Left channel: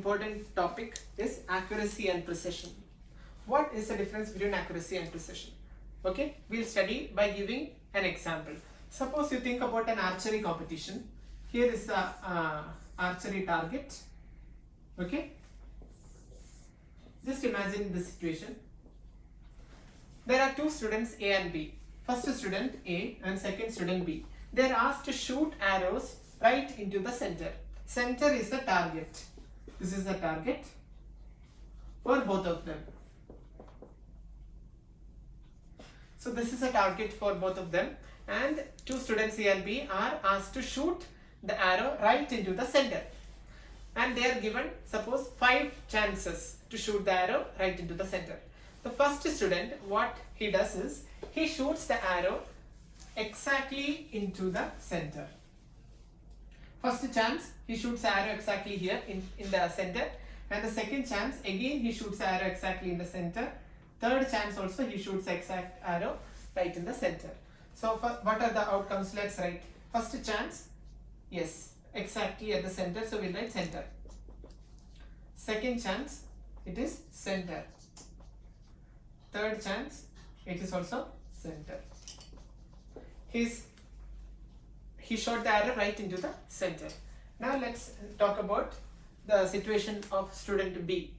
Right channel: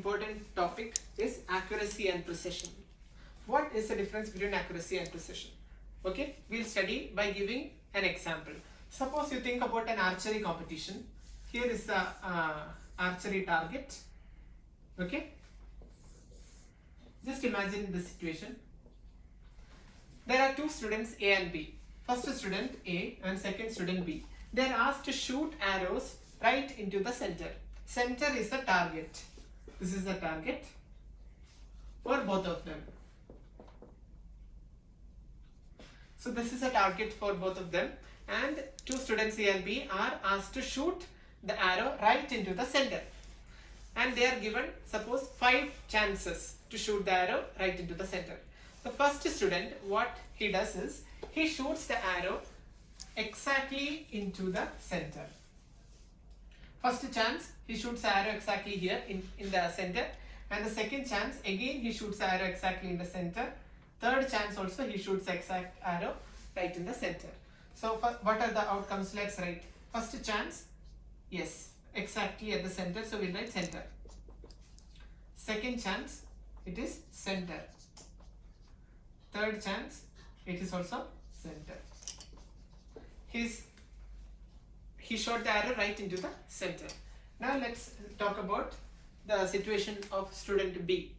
important topic is accuracy and precision. What is the difference between accuracy and precision? Okay, we'll study by giving an example. Suppose you think about an archery competition. Here is the archery target. Okay, just imagine the situation. There are two students A and B. First student A and second student B. They are asked to shoot arrows right into the center. Center is the target. This is the target for both of them. So this is a target for both of them, and two students A and B are asked to shoot the arrow right into the center. And they are given, suppose, 5 chances to shoot the arrow right into the center. The first student, what he does is, he shoots the arrow exactly into the center. First chance, he shoots the arrow exactly here in the center. And the second chance, again he shoots the arrow exactly in the center. Third chance also, he shoots the exact arrow right in the center. So what are the outcomes? Let's write. First chance, yes, exactly at the center, so we'll write center. Second chance, it is center. Third chance, it is also center. He shot the arrow right into the center. Now let's talk about the situation of student B.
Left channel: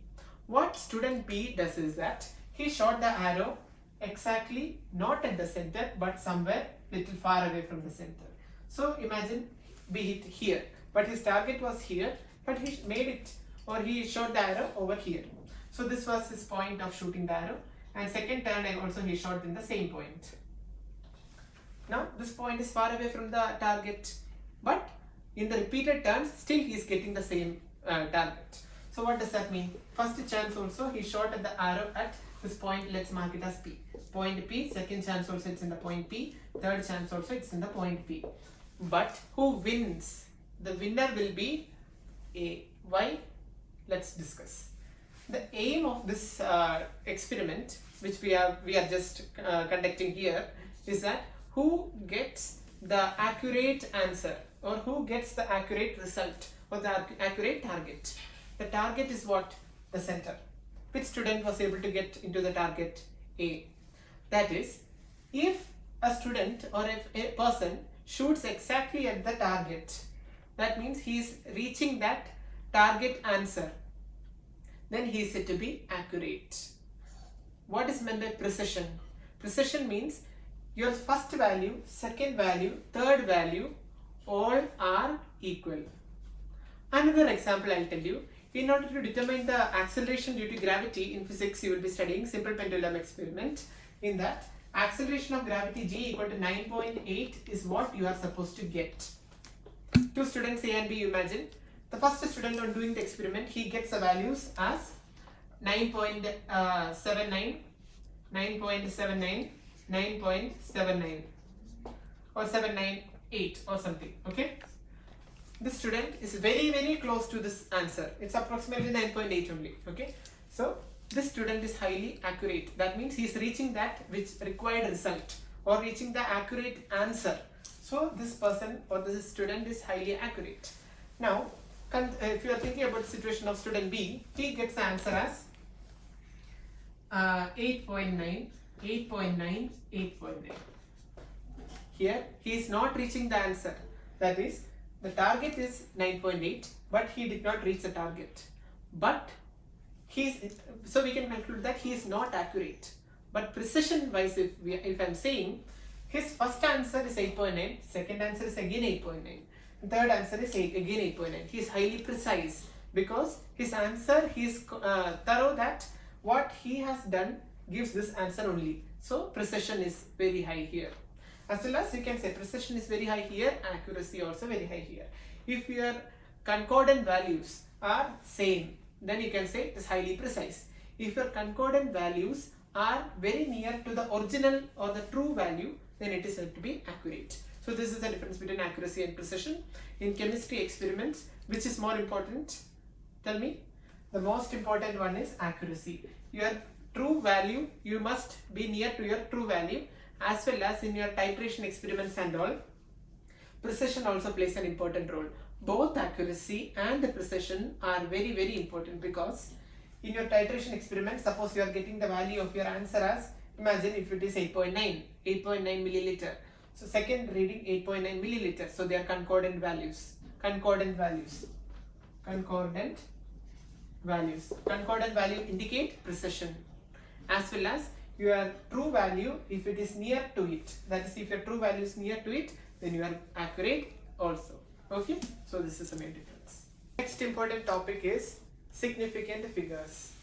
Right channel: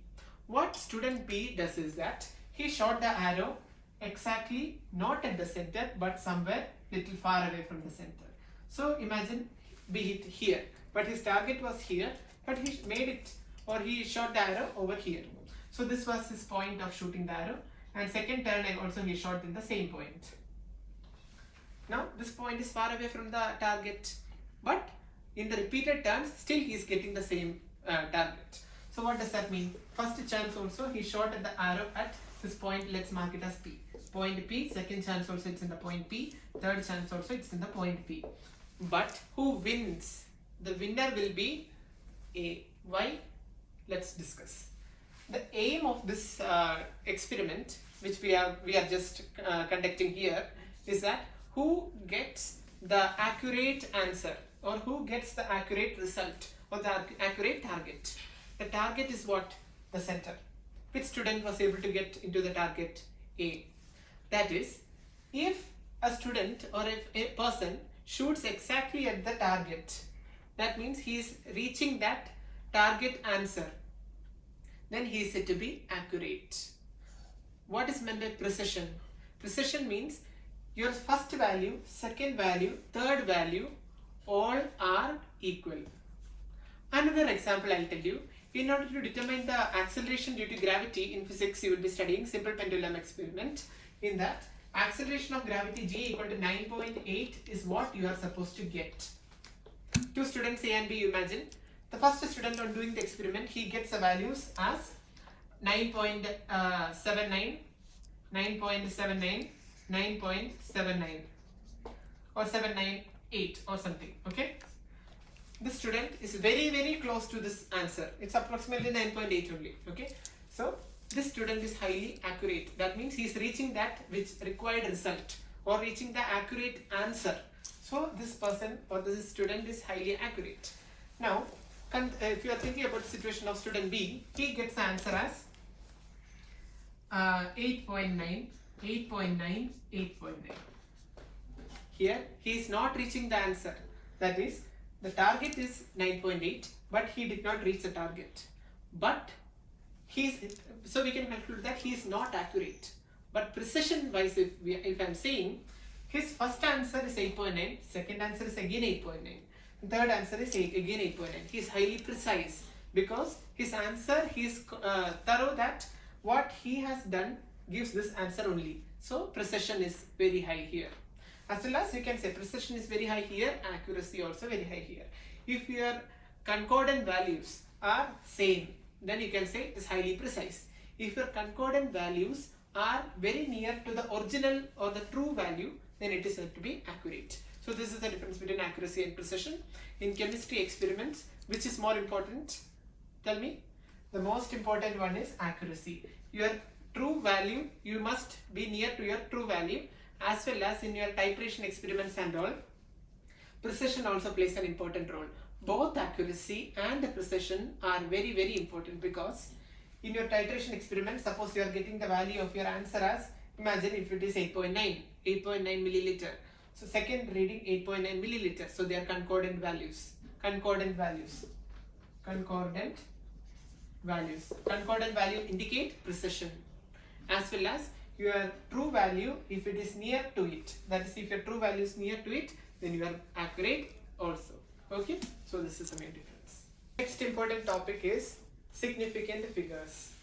What student B does is that he shot the arrow exactly not at the center but somewhere little far away from the center. So imagine B hit here, but his target was here, but he made it, or he shot the arrow over here. So this was his point of shooting the arrow, and second turn also he shot in the same point. Now this point is far away from the target, but in the repeated turns still he is getting the same target. So what does that mean? First chance also he shot at the arrow at this point, let's mark it as P. Point P. Second chance also it's in the point P. Third chance also it's in the point P. But who wins? The winner will be A. Why? Let's discuss. The aim of this experiment, which we are just conducting here, is that who gets the accurate answer, or who gets the accurate result, or the accurate target. The target is what? The center. Which student was able to get into the target? A. That is, if a student or if a person shoots exactly at the target, that means he is reaching that target answer, then he is said to be accurate. What is meant by precision? Precision means your first value, second value, third value, all are equal. Another example I'll tell you. In order to determine the acceleration due to gravity in physics, you will be studying simple pendulum experiment. In that, acceleration of gravity G equal to 9.8 is what you are supposed to get. Two students A and B, imagine. The first student on doing the experiment, he gets the values as 9.79, 9.79, 9.79 or 798 or something. Okay. This student is very close to this answer. It's approximately 9.8 only. Okay. So this student is highly accurate. That means he is reaching that which required result, or reaching the accurate answer. So this person or this student is highly accurate. Now, if you are thinking about the situation of student B, he gets the answer as 8.9, 8.9, 8.9. Here he is not reaching the answer. That is, the target is 9.8, but he did not reach the target. But so we can conclude that he is not accurate. But precision wise, if I am saying his first answer is 8.9, second answer is again 8.9, third answer is again 8.9. He is highly precise because his answer, he is thorough that what he has done gives this answer only. So precision is very high here. As well as we can say precision is very high here, accuracy also very high here. If your concordant values are same, then you can say it is highly precise. If your concordant values are very near to the original or the true value, then it is said to be accurate. So this is the difference between accuracy and precision. In chemistry experiments, which is more important? Tell me. The most important one is accuracy. Your true value, you must be near to your true value, as well as in your titration experiments and all. Precision also plays an important role. both accuracy and precision are very very important, because in your titration experiment, suppose you are getting the value of your answer as, imagine if it is 8.9 milliliter. So second reading 8.9 milliliter. So they are concordant values. Concordant values indicate precision, as well as your true value if it is near to it. That is, if your true value is near to it, then you are accurate also. Okay, so this is a main difference. Next important topic is significant figures.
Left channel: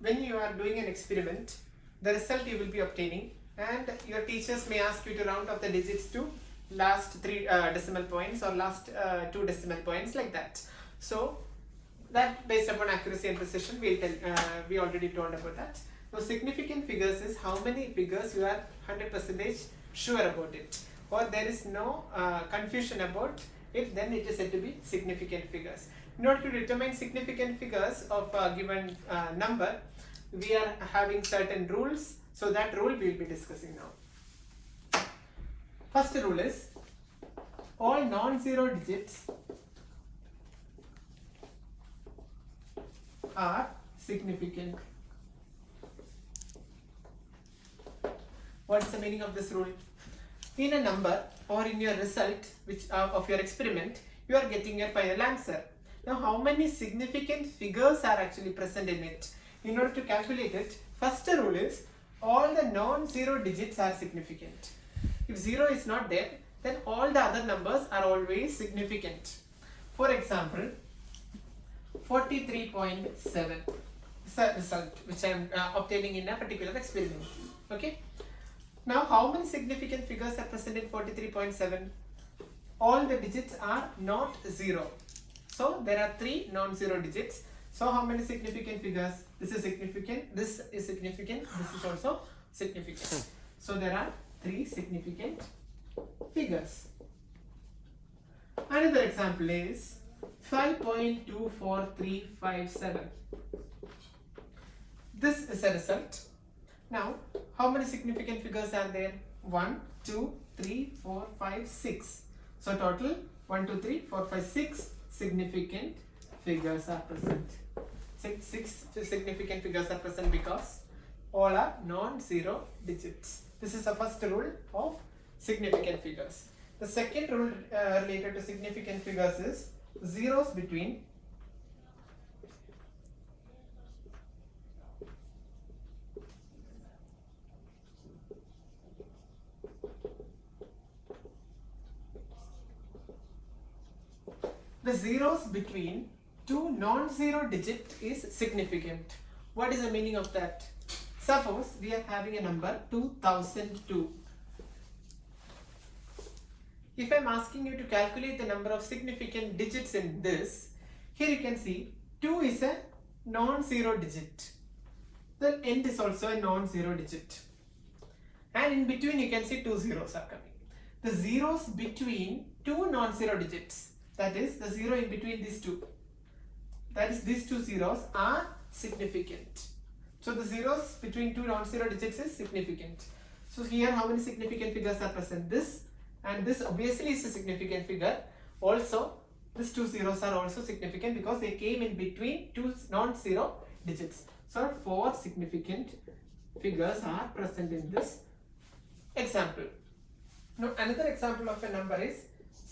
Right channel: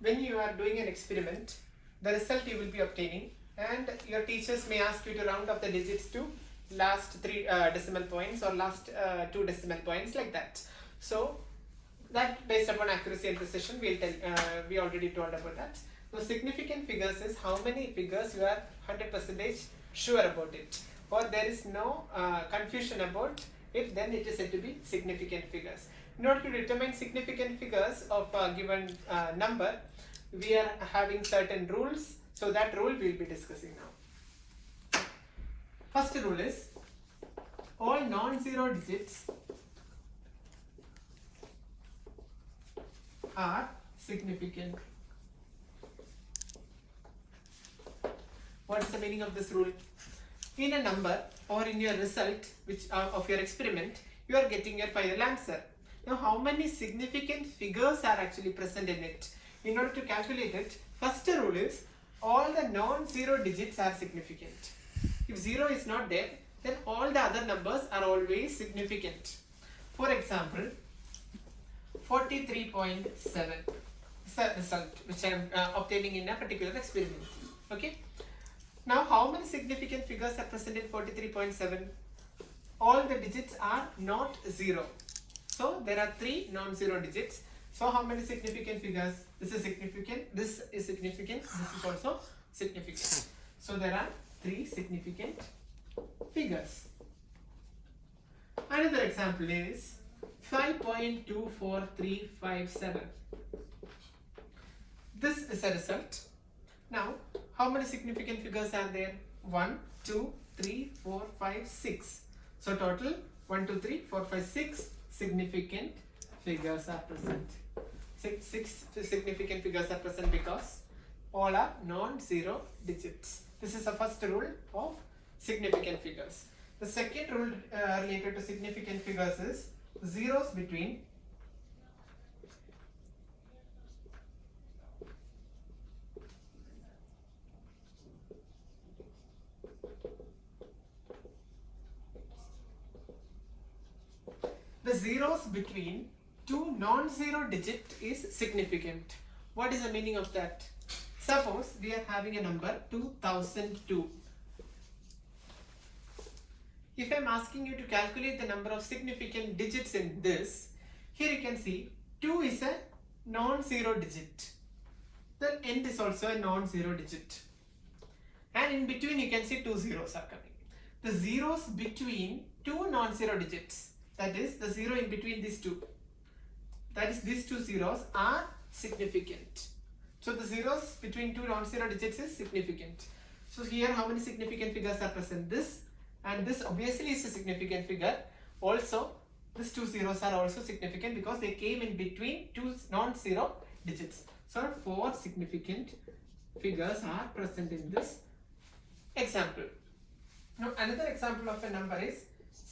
When you are doing an experiment, the result you will be obtaining, and your teachers may ask you to round up the digits to last 3 decimal points or last 2 decimal points, like that. So that, based upon accuracy and precision, we already told about that. So significant figures is how many figures you are 100% sure about it, or there is no confusion about it, then it is said to be significant figures. In order to determine significant figures of a given number, we are having certain rules. So that rule we will be discussing now. First rule is, all non-zero digits are significant. What is the meaning of this rule? In a number or in your result of your experiment, you are getting your final answer. Now, how many significant figures are actually present in it? In order to calculate it, first rule is, all the non-zero digits are significant. If 0 is not there, then all the other numbers are always significant. For example, 43.7 is the result which I am obtaining in a particular experiment. Okay. Now, how many significant figures are present in 43.7? All the digits are not 0. So there are 3 non-zero digits. So how many significant figures? This is significant, this is significant, this is also significant. So there are 3 significant figures. Another example is 5.24357. This is a result. Now, how many significant figures are there? 1, 2, 3, 4, 5, 6. So total 1, 2, 3, 4, 5, 6 significant figures are present. Six significant figures are present because all are non-zero digits. This is the first rule of significant figures. The second rule related to significant figures is zeros between two non-zero digit is significant. What is the meaning of that? Suppose we are having a number 2002. If I am asking you to calculate the number of significant digits in this, here you can see 2 is a non-zero digit. The end is also a non-zero digit. And in between you can see 2 zeros are coming. The zeros between 2 non-zero digits, that is the 0 in between these two, that is these 2 zeros are significant. So the zeros between 2 non-zero digits is significant. So here how many significant figures are present? This and this obviously is a significant figure. Also these 2 zeros are also significant because they came in between 2 non-zero digits. So 4 significant figures are present in this example. Now another example of a number is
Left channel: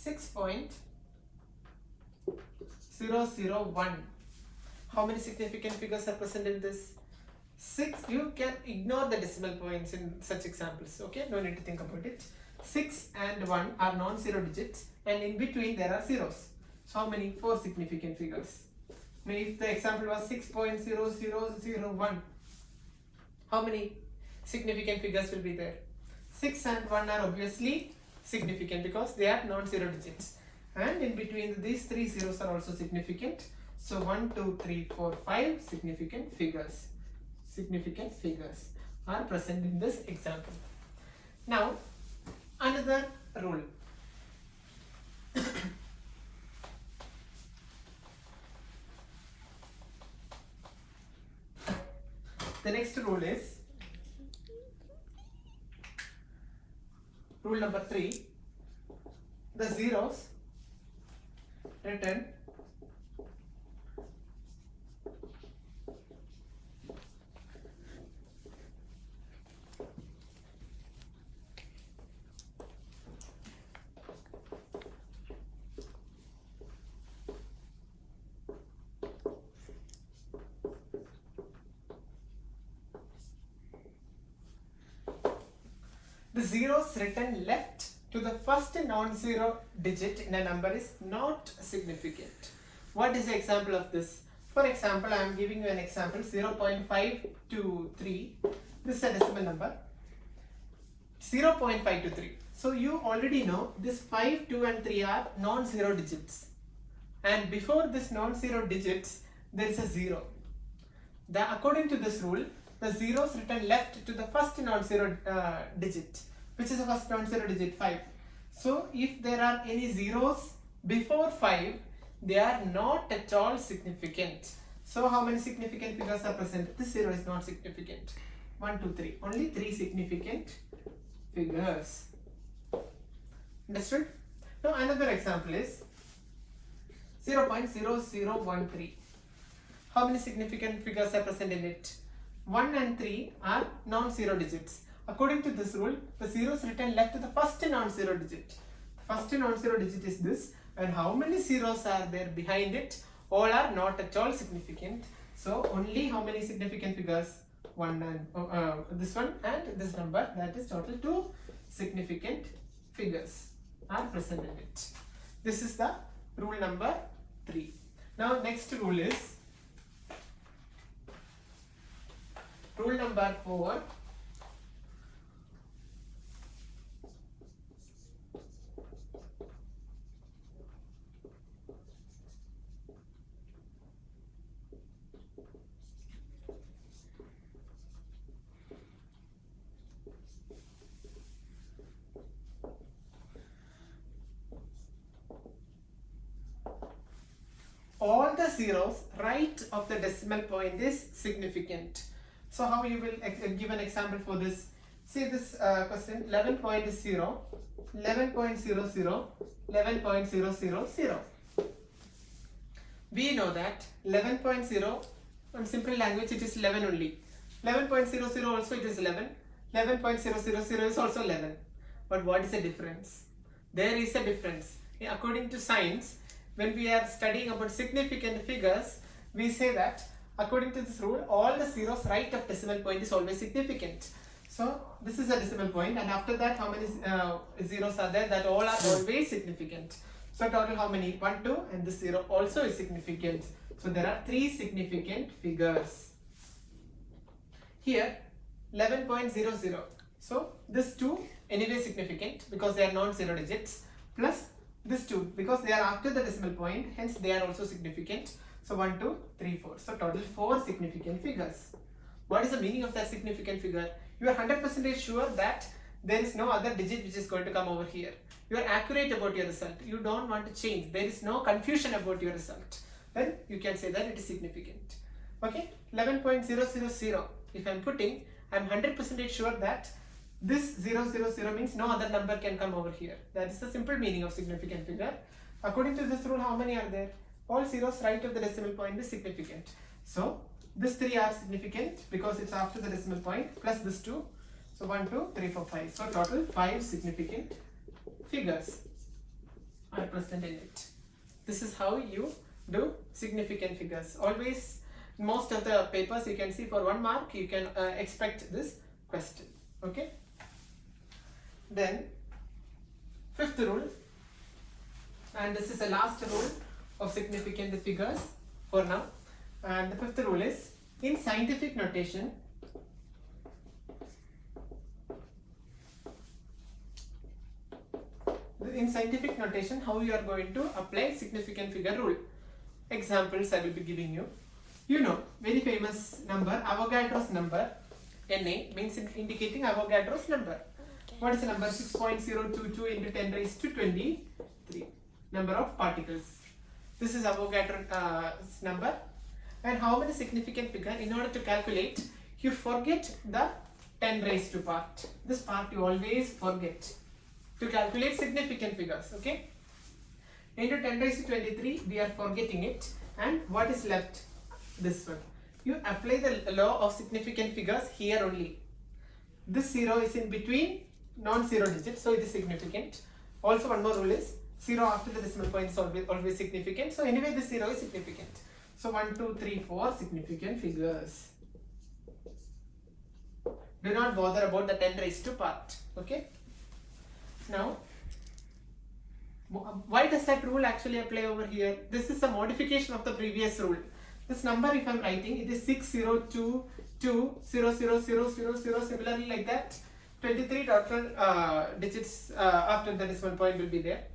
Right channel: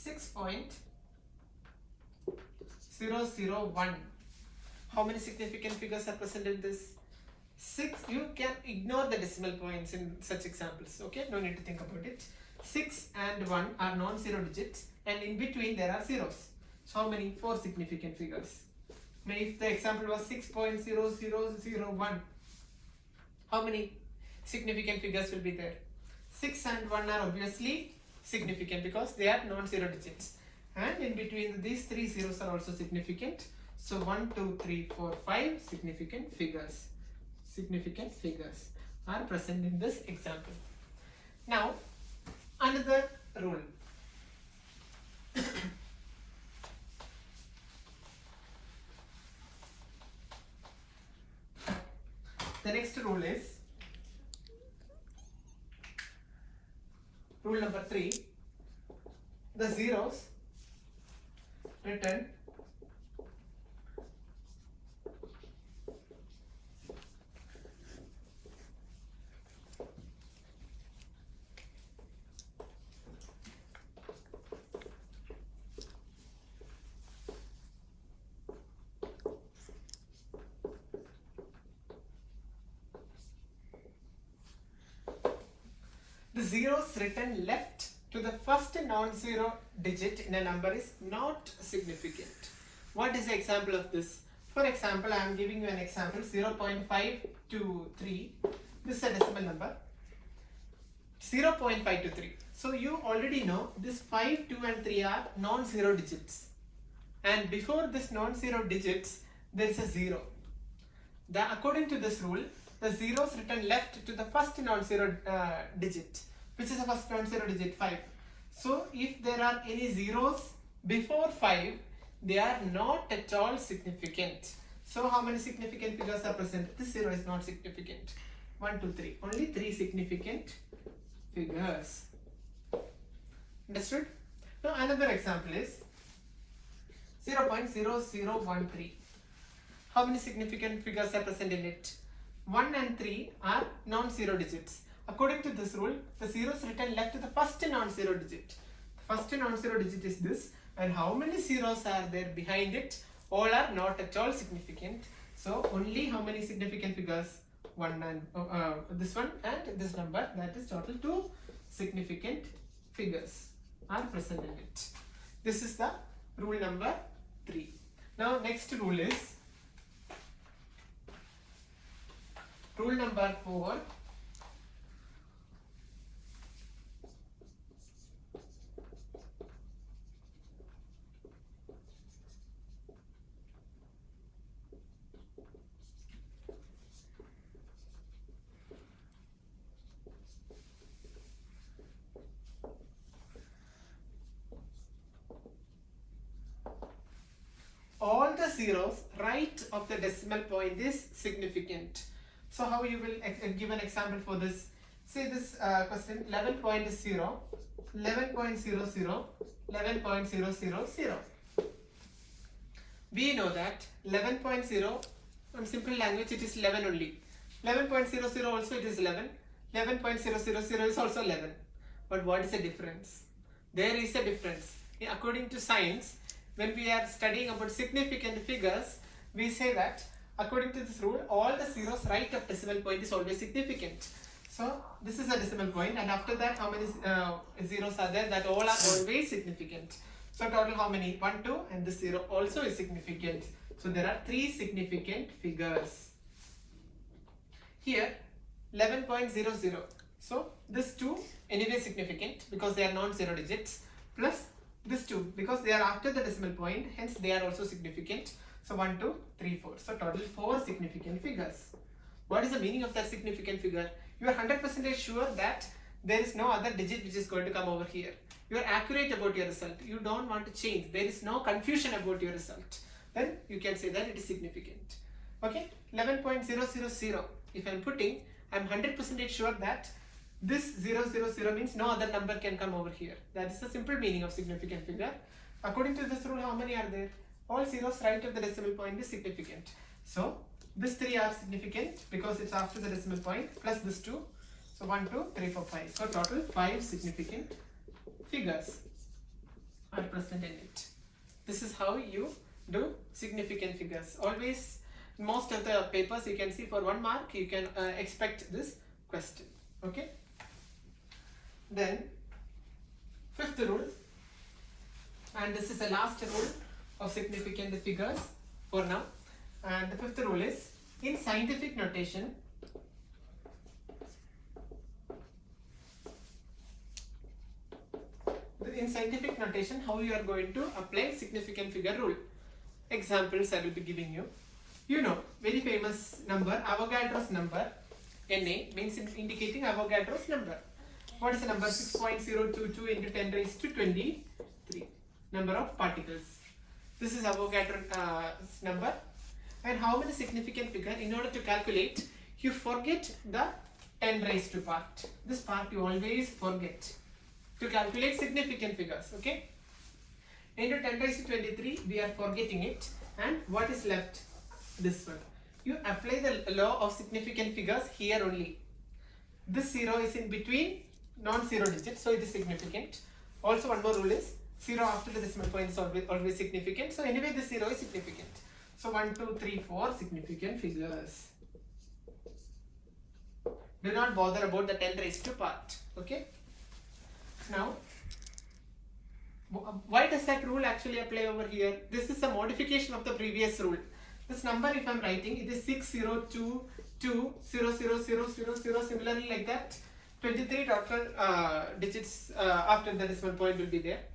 6.001. How many significant figures are present in this? 6. You can ignore the decimal points in such examples. Okay, no need to think about it. 6 and 1 are non-zero digits, and in between there are zeros. So how many? 4 significant figures. Now if the example was 6.0001, how many significant figures will be there? 6 and 1 are obviously significant because they are non-zero digits, and in between these 3 zeros are also significant. So 1, 2, 3, 4, 5 significant figures are present in this example. Now another rule. The next rule is rule number 3, the zeros written the zeros written left to the first non-zero digit in a number is not significant. What is the example of this? For example, I am giving you an example 0.523. This is a decimal number 0.523. So you already know this 5, 2 and 3 are non-zero digits, and before this non-zero digits there is a 0. According to this rule, the zeros written left to the first non-zero digit, which is the first non-zero digit 5. So if there are any zeros before 5, they are not at all significant. So how many significant figures are present? This 0 is not significant. 1, 2, 3. Only 3 significant figures. Understood? Now another example is 0.0013. How many significant figures are present in it? 1 and 3 are non-zero digits. According to this rule, the zeros written left to the first non-zero digit. The first non-zero digit is this, and how many zeros are there behind it? All are not at all significant. So only how many significant figures? 1 and this one and this number, that is total 2 significant figures are present in it. This is the rule number 3. Now next rule is rule number 4. All the zeros right of the decimal point is significant. So how you will give an example for this? See this question, 11.0, 11.00, 11.000. We know that 11.0, in simple language it is 11 only. 11.00 also it is 11. 11.000 is also 11. But what is the difference? There is a difference. According to science, when we are studying about significant figures, we say that according to this rule, all the zeros right of decimal point is always significant. So this is a decimal point, and after that how many zeros are there? That all are always significant. So total how many? 1, 2, and this 0 also is significant. So there are 3 significant figures. Here 11.00. So this 2 anyway significant because they are non-zero digits, plus this 2 because they are after the decimal point, hence they are also significant. So 1, 2, 3, 4. So total 4 significant figures. What is the meaning of that significant figure? You are 100% sure that there is no other digit which is going to come over here. You are accurate about your result. You don't want to change. There is no confusion about your result. Then you can say that it is significant. Okay, 11.000. If I am putting, I am 100% sure that this 000 means no other number can come over here. That is the simple meaning of significant figure. According to this rule, how many are there? All zeros right of the decimal point is significant. So this 3 are significant because it's after the decimal point, plus this 2. So 1, 2, 3, 4, 5. So total 5 significant figures are present in it. This is how you do significant figures. Always, most of the papers you can see for 1 mark, you can expect this question. Okay. Then 5th rule, and this is the last rule of significant figures for now. And the 5th rule is, in scientific notation, how you are going to apply significant figure rule. Examples I will be giving you. You know, very famous number, Avogadro's number. Na means indicating Avogadro's number. What is the number? 6.022 into 10 raised to 23. Number of particles. This is Avogadro's number. And how many significant figure? In order to calculate, you forget the 10 raised to part. This part you always forget. to calculate significant figures. Okay. Into 10 raised to 23, we are forgetting it. And what is left? This one. You apply the law of significant figures here only. This 0 is in between non-zero digits, so it is significant. Also, one more rule is 0 after the decimal point is always significant. So anyway, this 0 is significant. So 1, 2, 3, 4 significant figures. Do not bother about the 10 raised to part. Okay. Now, why does that rule actually apply over here? This is a modification of the previous rule. This number, if I am writing, it is 6022000000. Similarly, like that, 23 total digits after the decimal point will be there.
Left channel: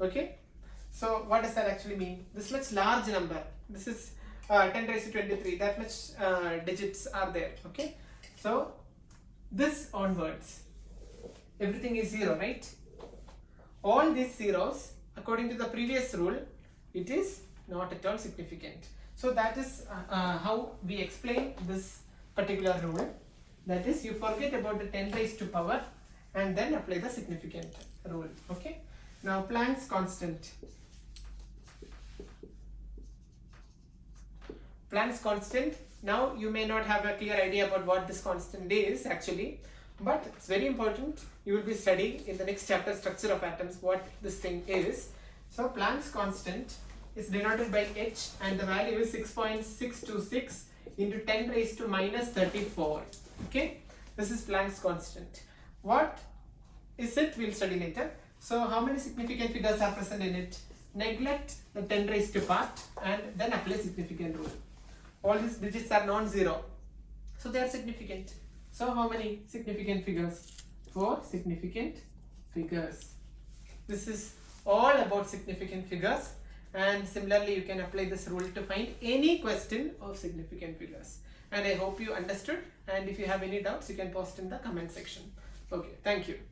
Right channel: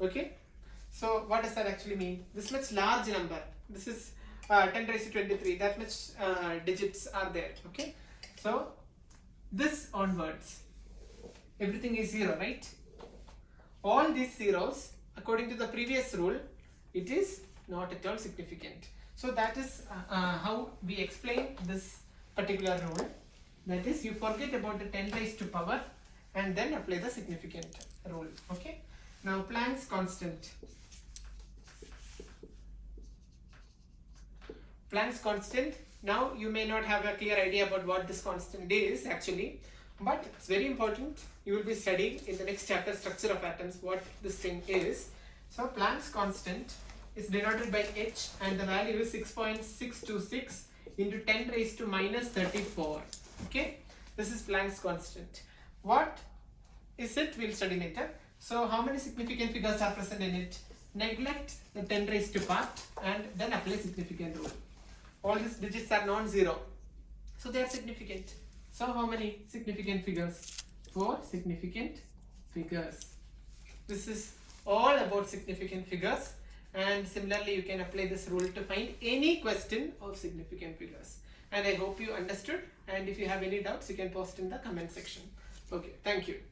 Okay. So what does that actually mean? This much large number. This is 10 raised to 23. That much digits are there. Okay. So this onwards, everything is 0, right? All these zeros, according to the previous rule, it is not at all significant. So that is how we explain this particular rule. That is, you forget about the 10 raised to power and then apply the significant rule. Okay. Now Planck's constant. Planck's constant. Now you may not have a clear idea about what this constant is actually, but it's very important. You will be studying in the next chapter, structure of atoms, what this thing is. So Planck's constant is denoted by H and the value is 6.626 into 10 raised to minus 34. Okay, this is Planck's constant. What is it? We'll study later. So how many significant figures are present in it? Neglect the 10 raised to part and then apply significant rule. All these digits are non-zero, so they are significant. So how many significant figures? 4 significant figures. This is all about significant figures, and similarly you can apply this rule to find any question of significant figures. And I hope you understood, and if you have any doubts you can post in the comment section. Okay, thank you.